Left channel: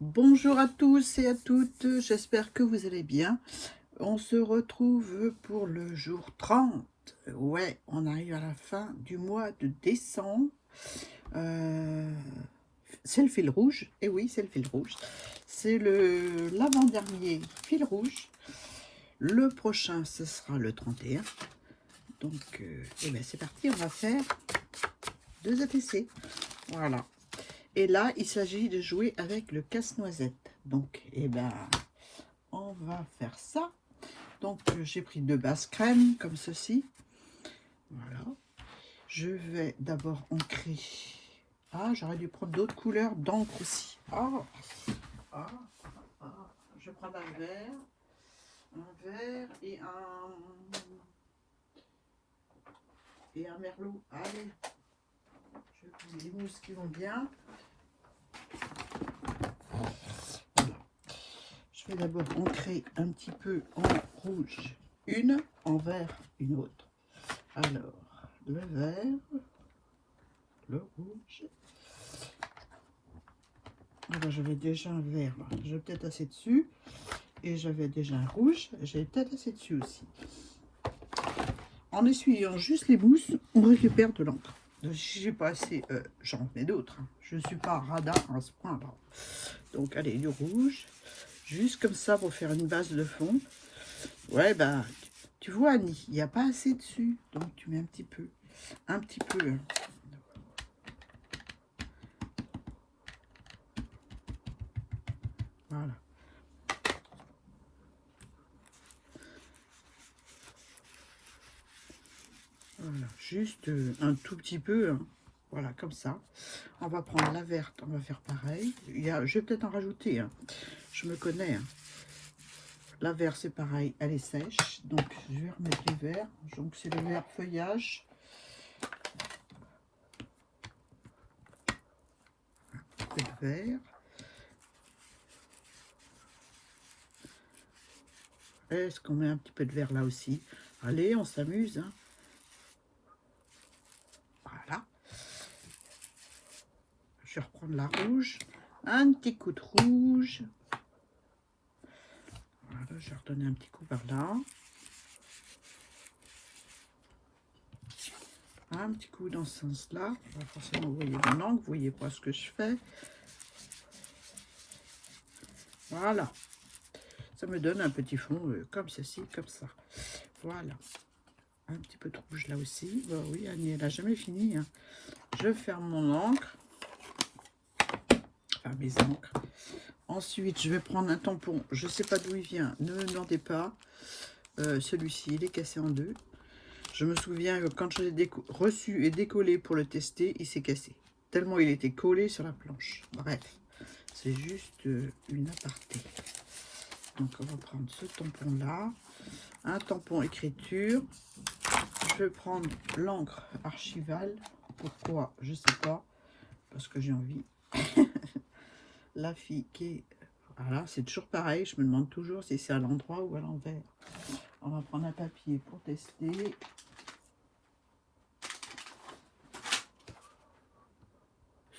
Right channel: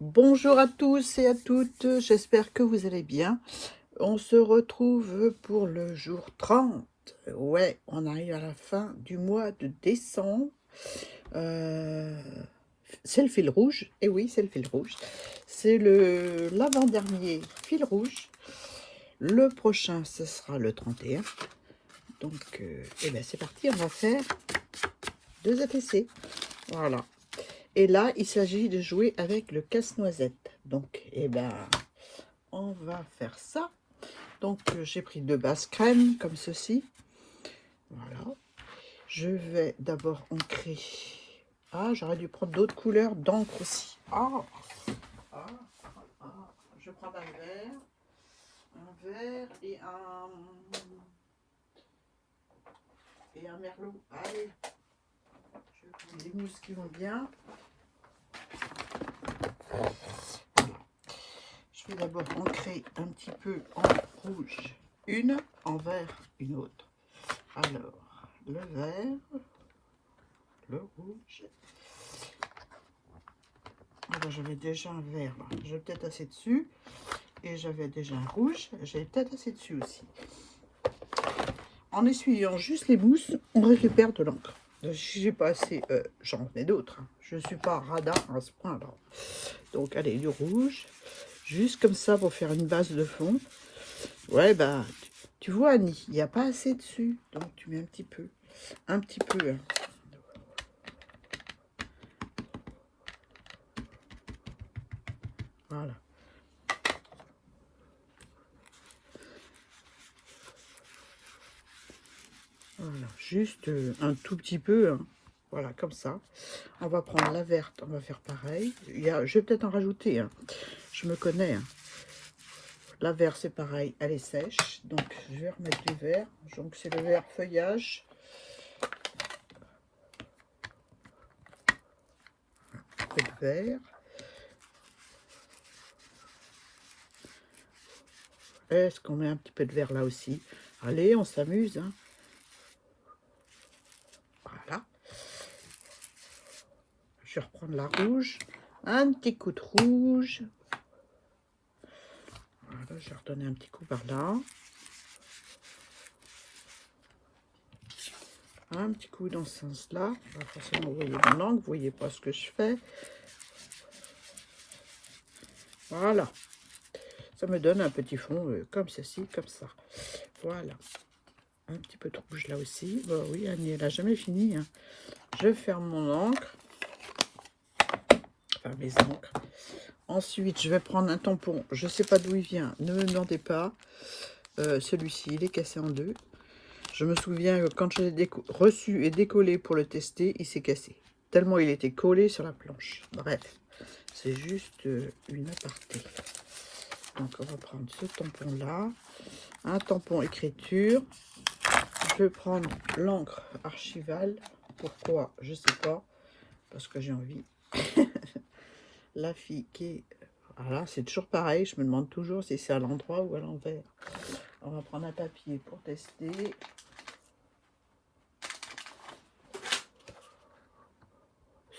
Bonjour à tous et à toutes, j'espère que vous allez bien. On se retrouve pour le jour 30. Ouais, on arrive à la fin du mois de décembre. Euh, c'est le fil rouge, et oui, c'est le fil rouge. C'est l'avant-dernier fil rouge. Le prochain, ce sera le 31. Donc, eh ben, c'est parti, on va faire 2 ATC. Voilà. Et là, il s'agit de jouer avec le casse-noisette. Donc, eh ben, on va faire ça. Donc, j'ai pris 2 bases crème, comme ceci. Voilà. Je vais d'abord ancrer. Ah, j'aurais dû prendre d'autres couleurs d'encre aussi. Ah, ah. Je prends un vert et un merlot. Allez, je prends les mousses qui vont bien. Je vais d'abord ancrer un petit peu en rouge une, en vert une autre. Alors, le vert, le rouge. Alors, j'avais déjà un vert, j'ai peut-être assez dessus. Et j'avais déjà un rouge, j'avais peut-être assez dessus aussi. En essuyant juste les mousses, on récupère de l'encre. Si j'ai pas assez, j'en mets d'autres. Je suis pas radin à ce point-là. Donc, allez, du rouge. Juste comme ça pour faire une base de fond. Ouais, bah, tu vois, Annie, il n'y a pas assez dessus. Donc, tu mets un petit peu. Un petit peu. Hein. Voilà. Voilà. Juste un tout petit peu. Hein. Voilà, comme ça. On va prendre la verte. On va faire pareil. Je vais peut-être en rajouter. Hein. Je me connais. Hein. La verte, c'est pareil. Elle est sèche. Donc, je vais remettre les verts. Donc, c'est le vert feuillage. Le vert. Est-ce qu'on met un petit peu de vert là aussi? Allez, on s'amuse. Hein. Voilà. Je vais reprendre la rouge. Un petit coup de rouge. Voilà, je vais redonner un petit coup par là. Un petit coup dans ce sens-là. Forcément, vous voyez mon angle, vous voyez pas ce que je fais. Voilà. Ça me donne un petit fond comme ceci, comme ça. Voilà. Un petit peu de rouge là aussi. Bah oui, Annie, elle n'a jamais fini. Hein. Je ferme mon encre. Enfin, mes encres. Ensuite, je vais prendre un tampon. Je ne sais pas d'où il vient. Ne me demandez pas. Celui-ci, il est cassé en deux. Je me souviens que quand je l'ai reçu et décollé pour le tester, il s'est cassé. Tellement il était collé sur la planche. Bref, c'est juste une aparté. Donc, on va prendre ce tampon-là. Un tampon écriture. Je vais prendre l'encre archivale. Pourquoi? Je ne sais pas. Parce que j'ai envie. La fille qui est... Voilà, c'est toujours pareil. Je me demande toujours si c'est à l'endroit ou à l'envers. On va prendre un papier pour tester.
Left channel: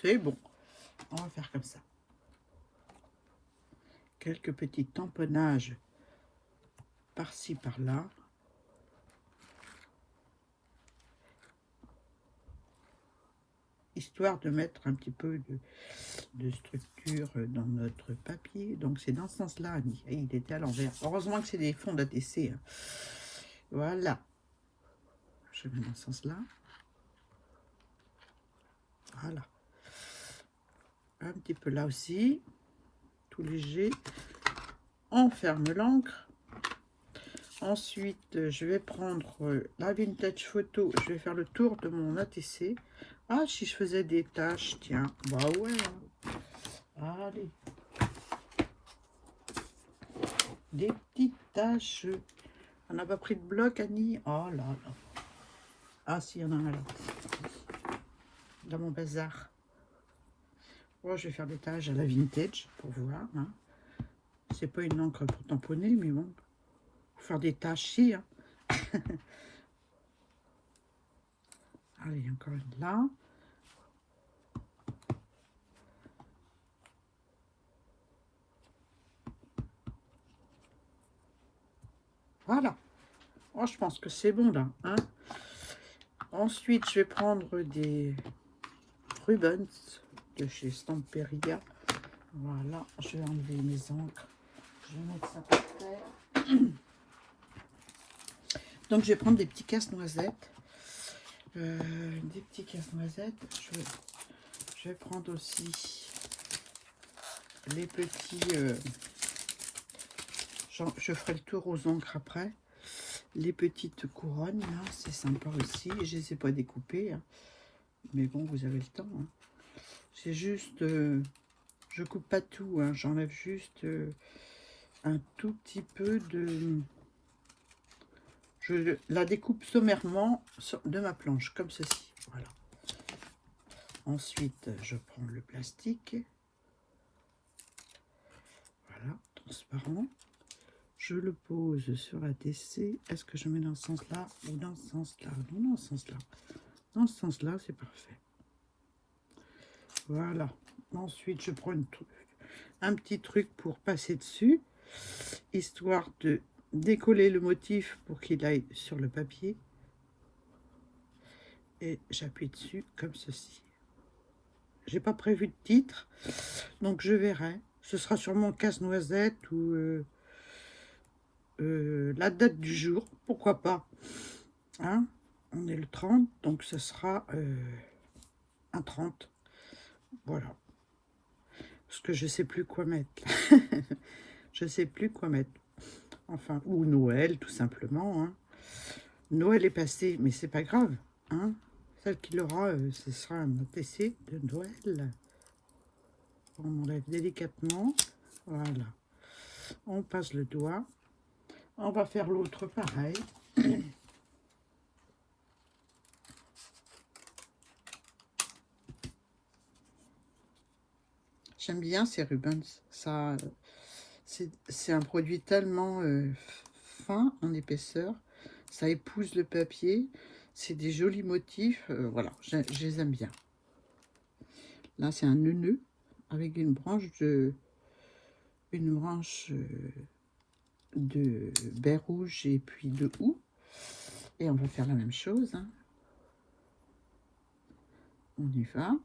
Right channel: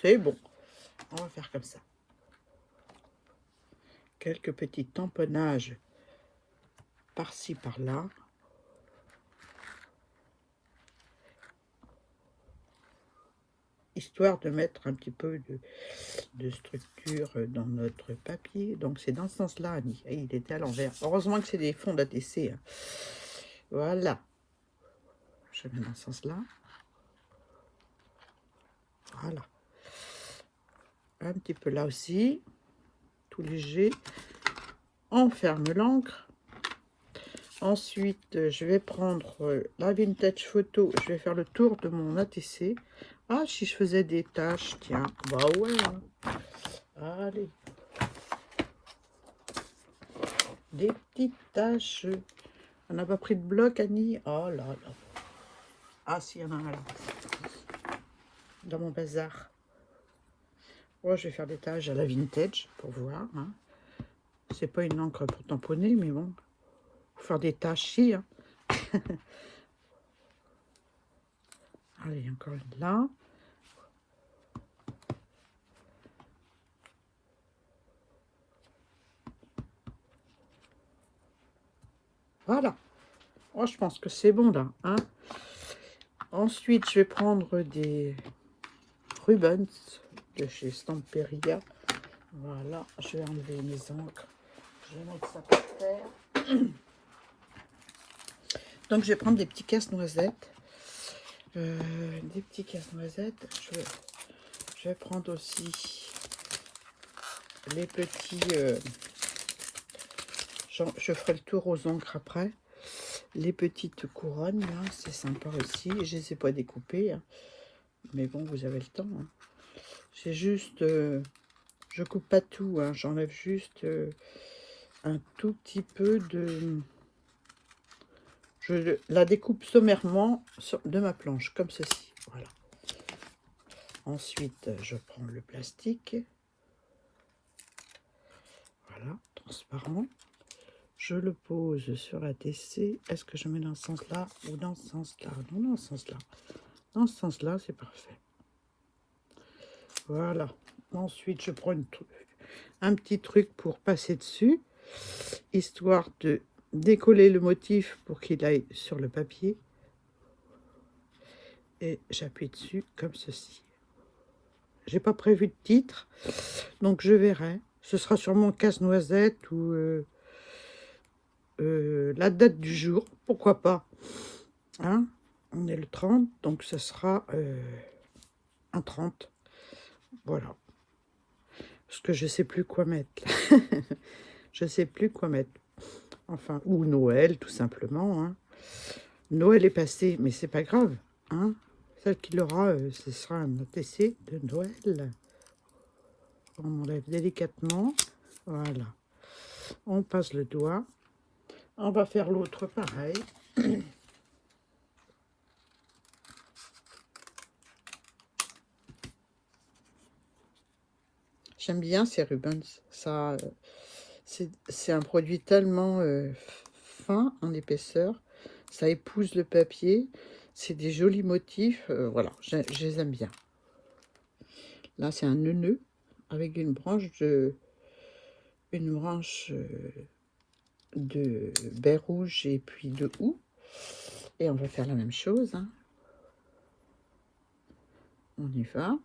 C'est bon. On va faire comme ça. Quelques petits tamponnages par-ci, par-là. Histoire de mettre un petit peu de structure dans notre papier. Donc, c'est dans ce sens-là, Annie. Il était à l'envers. Heureusement que c'est des fonds d'ATC. Hein. Voilà. Je mets dans ce sens-là. Voilà. Un petit peu là aussi. Tout léger. On ferme l'encre. Ensuite, je vais prendre la Vintage Photo. Je vais faire le tour de mon ATC. Ah, si je faisais des taches, tiens. Bah ouais. Allez. Des petites taches. On n'a pas pris de bloc, Annie. Oh là là. Ah, si, il y en a un là. Dans mon bazar. Oh, je vais faire des taches à la Vintage pour voir. Hein. C'est pas une encre pour tamponner, mais bon. Faut faire des taches, si. Hein. Allez, encore une là. Voilà. Oh, je pense que c'est bon là. Hein. Ensuite, je vais prendre des Rubens de chez Stamperia. Voilà, je vais enlever mes encres. Je vais mettre ça par terre. Donc, je vais prendre des petits casse-noisettes. Des petits casse-noisettes. Je vais prendre aussi les petits... je ferai le tour aux encres après. Les petites couronnes, là, c'est sympa aussi. Je ne les ai pas découpées. Hein. Mais bon, vous avez le temps. Hein. C'est juste... je coupe pas tout. Hein. J'enlève juste un tout petit peu de... Je la découpe sommairement de ma planche, comme ceci. Voilà. Ensuite, je prends le plastique. Voilà, transparent. Je le pose sur la TC. Est-ce que je mets dans ce sens-là ou dans ce sens-là? Non, dans ce sens-là. Dans ce sens-là, c'est parfait. Voilà. Ensuite, je prends un petit truc pour passer dessus, histoire de décoller le motif pour qu'il aille sur le papier. Et j'appuie dessus comme ceci. J'ai pas prévu de titre, donc je verrai. Ce sera sûrement casse-noisette ou la date du jour, pourquoi pas. Hein, on est le 30, donc ce sera un 30. Voilà. Parce que je sais plus quoi mettre. Je sais plus quoi mettre. Enfin, ou Noël, tout simplement. Hein. Noël est passé, mais c'est pas grave. Hein. Celle qui l'aura, ce sera un essai de Noël. On enlève délicatement. Voilà. On passe le doigt. On va faire l'autre pareil. J'aime bien ces Rubens. Ça, c'est un produit tellement fin en épaisseur. Ça épouse le papier. C'est des jolis motifs. Voilà, je les aime bien. Là, c'est un nœud avec une branche de baie rouge et puis de houx. Et on va faire la même chose. Hein. On y va.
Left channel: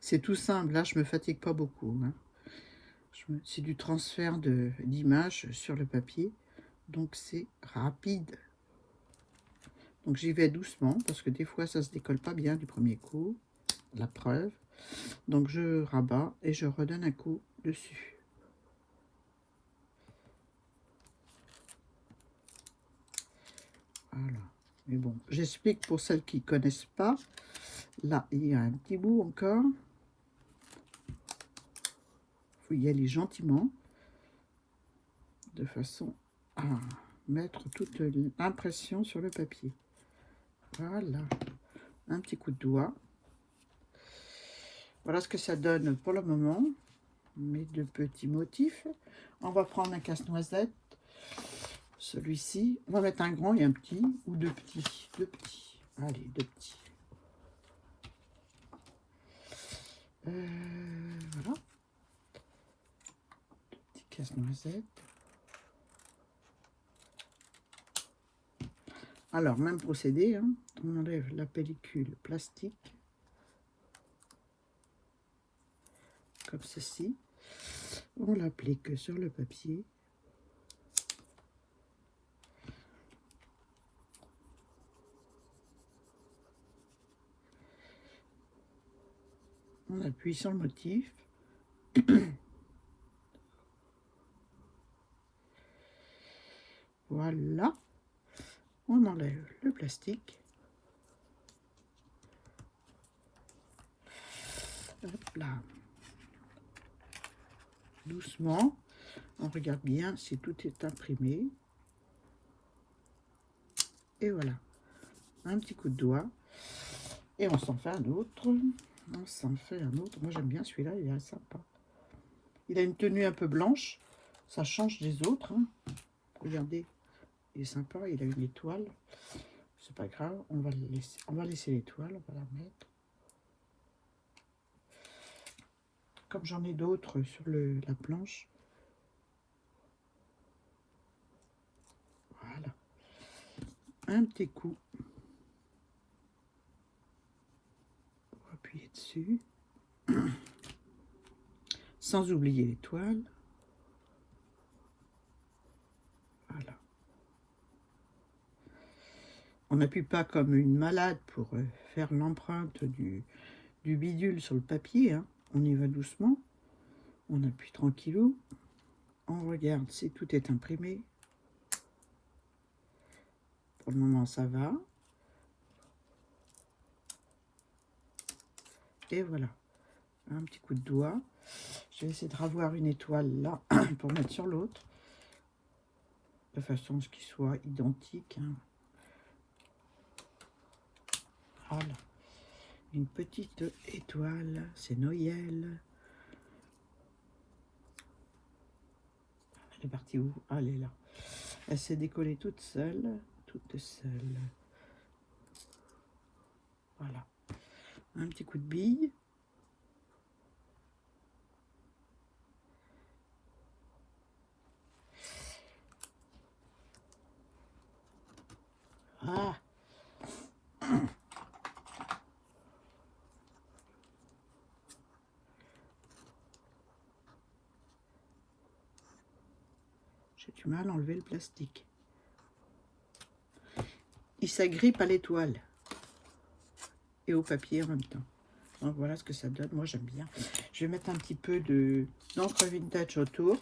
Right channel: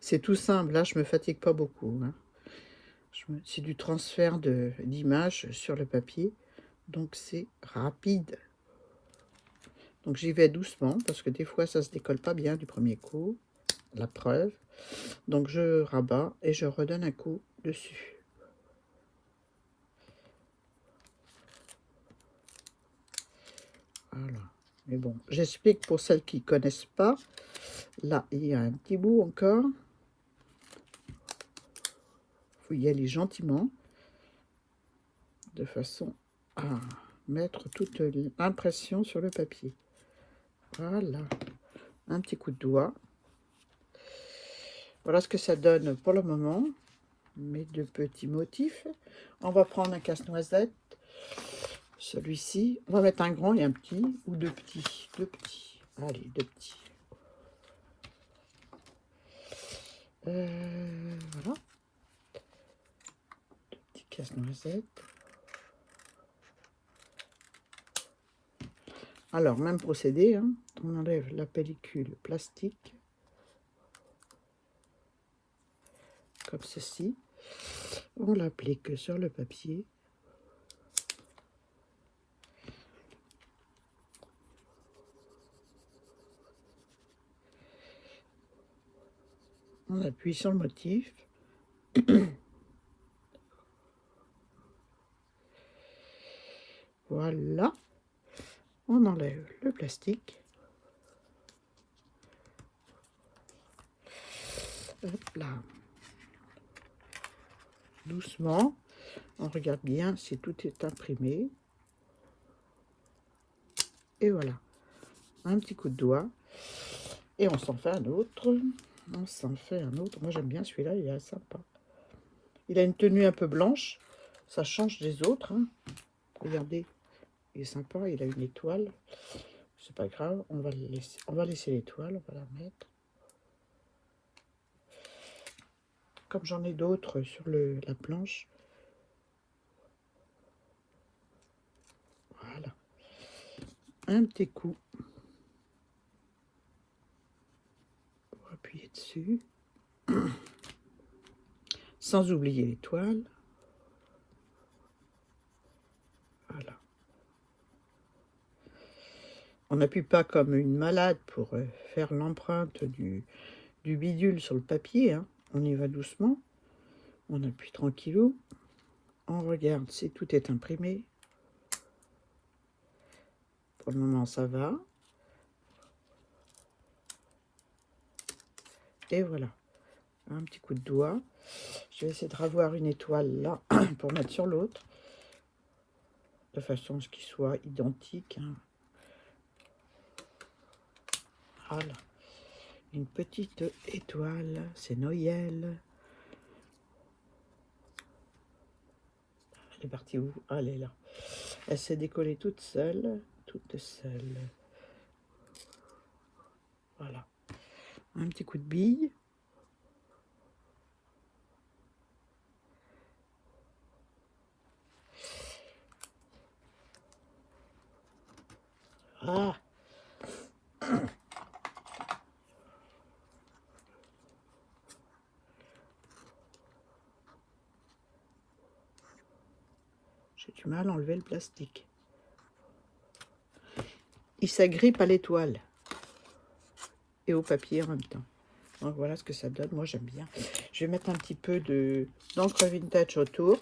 C'est tout simple. Là, je me fatigue pas beaucoup. Hein. C'est du transfert d'images sur le papier. Donc, c'est rapide. Donc, j'y vais doucement parce que des fois, ça se décolle pas bien du premier coup. La preuve. Donc, je rabats et je redonne un coup dessus. Voilà. Mais bon, j'explique pour celles qui ne connaissent pas. Là, il y a un petit bout encore. Il faut y aller gentiment. De façon à mettre toute l'impression sur le papier. Voilà. Un petit coup de doigt. Voilà ce que ça donne pour le moment. Mes deux petits motifs. On va prendre un casse-noisette. Celui-ci. On va mettre un grand et un petit. Ou deux petits. Deux petits. Allez, deux petits. Voilà. Deux petits casse-noisettes. Alors, même procédé. Hein. On enlève la pellicule plastique. Comme ceci. On l'applique sur le papier. On appuie sur le motif. Voilà. On enlève le plastique. Hop là. Doucement. On regarde bien si tout est imprimé. Et voilà. Un petit coup de doigt. Et on s'en fait un autre. On s'en fait un autre. Moi, j'aime bien celui-là. Il est sympa. Il a une tenue un peu blanche. Ça change des autres. Hein. Regardez. Il est sympa. Il a une étoile. C'est pas grave. On va laisser l'étoile. On va la mettre. Comme j'en ai d'autres sur la planche. un petit coup pour appuyer dessus, sans oublier l'étoile. Voilà. On n'appuie pas comme une malade pour faire l'empreinte du bidule sur le papier, hein. On y va doucement, on appuie tranquillou, on regarde si tout est imprimé. Pour le moment ça va. Et voilà, un petit coup de doigt. Je vais essayer de revoir une étoile là pour mettre sur l'autre, de façon à ce qu'ils soient identiques, hein. Voilà, une petite étoile, c'est Noël. Elle est partie où? Ah, elle est là. Elle s'est décollée toute seule, toute seule. Voilà, un petit coup de bille. Ah, j'ai du mal à enlever le plastique. Il s'agrippe à l'étoile et au papier en même temps. Donc voilà ce que ça donne. Moi j'aime bien. Je vais mettre un petit peu d'encre vintage autour.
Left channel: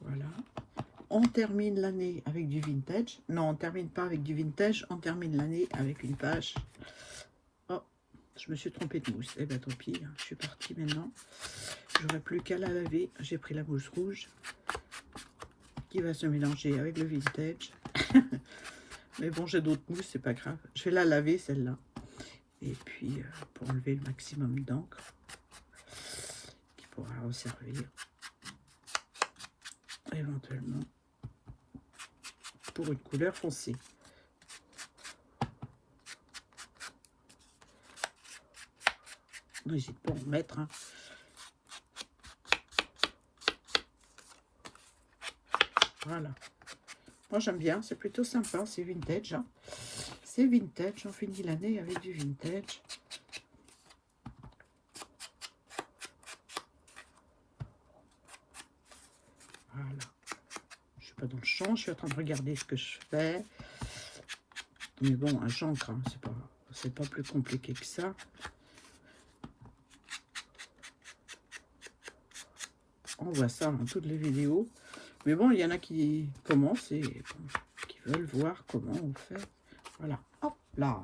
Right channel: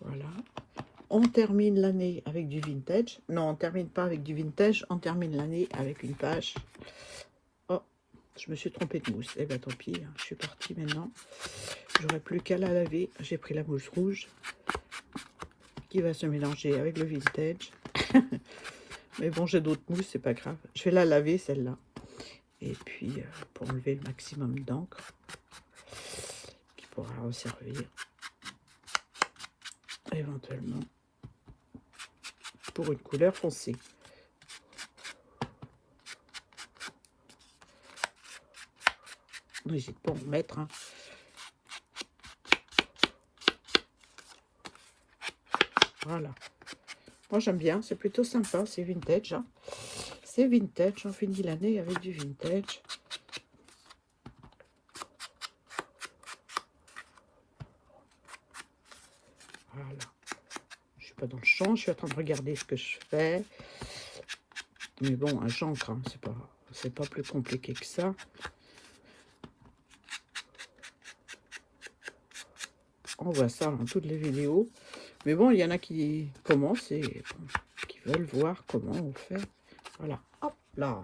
Voilà. On termine l'année avec du vintage. Non, on termine pas avec du vintage. On termine l'année avec une page. Oh, je me suis trompée de mousse. Eh bien tant pis, hein, je suis partie maintenant. J'aurai plus qu'à la laver. J'ai pris la mousse rouge qui va se mélanger avec le vintage. Mais bon, j'ai d'autres mousses, c'est pas grave. Je vais la laver celle-là. Et puis, pour enlever le maximum d'encre qui pourra resservir éventuellement pour une couleur foncée. N'hésite pas à en mettre, hein. Voilà. Moi j'aime bien, c'est plutôt sympa, c'est vintage, hein. C'est vintage, on finit l'année avec du vintage. Voilà. Je suis pas dans le champ, je suis en train de regarder ce que je fais. Mais bon, un j'encre, hein, c'est pas plus compliqué que ça. On voit ça dans toutes les vidéos. Mais bon, il y en a qui commencent et qui veulent voir comment on fait. Voilà, hop là.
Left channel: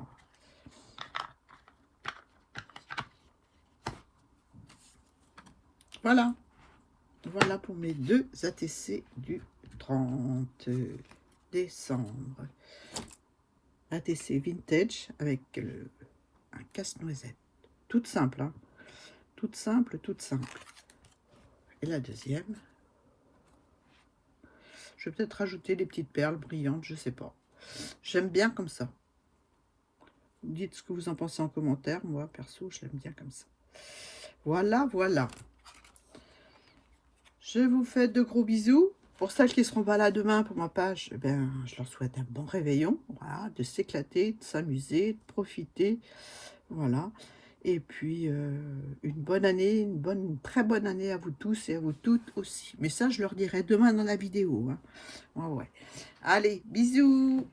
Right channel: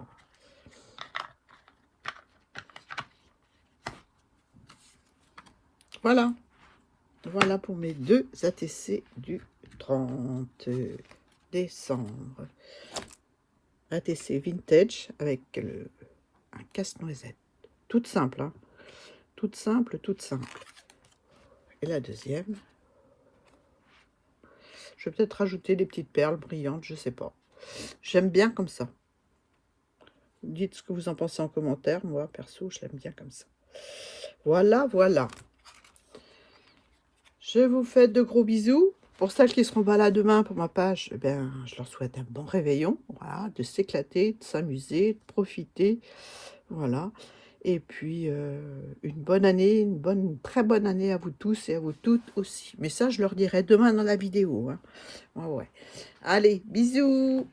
Voilà. Voilà pour mes deux ATC du 30 décembre. ATC vintage avec un casse-noisette. Toute simple, hein. Toute simple, toute simple. Et la deuxième. Je vais peut-être rajouter des petites perles brillantes, je sais pas. J'aime bien comme ça. Dites ce que vous en pensez en commentaire. Moi, perso, je l'aime bien comme ça. Voilà, voilà. Je vous fais de gros bisous. Pour celles qui seront pas là demain pour ma page, eh ben, je leur souhaite un bon réveillon. Voilà, de s'éclater, de s'amuser, de profiter. Voilà. Et puis, une bonne année, une très bonne année à vous tous et à vous toutes aussi. Mais ça, je leur dirai demain dans la vidéo, hein. Ouais, ouais. Allez, bisous!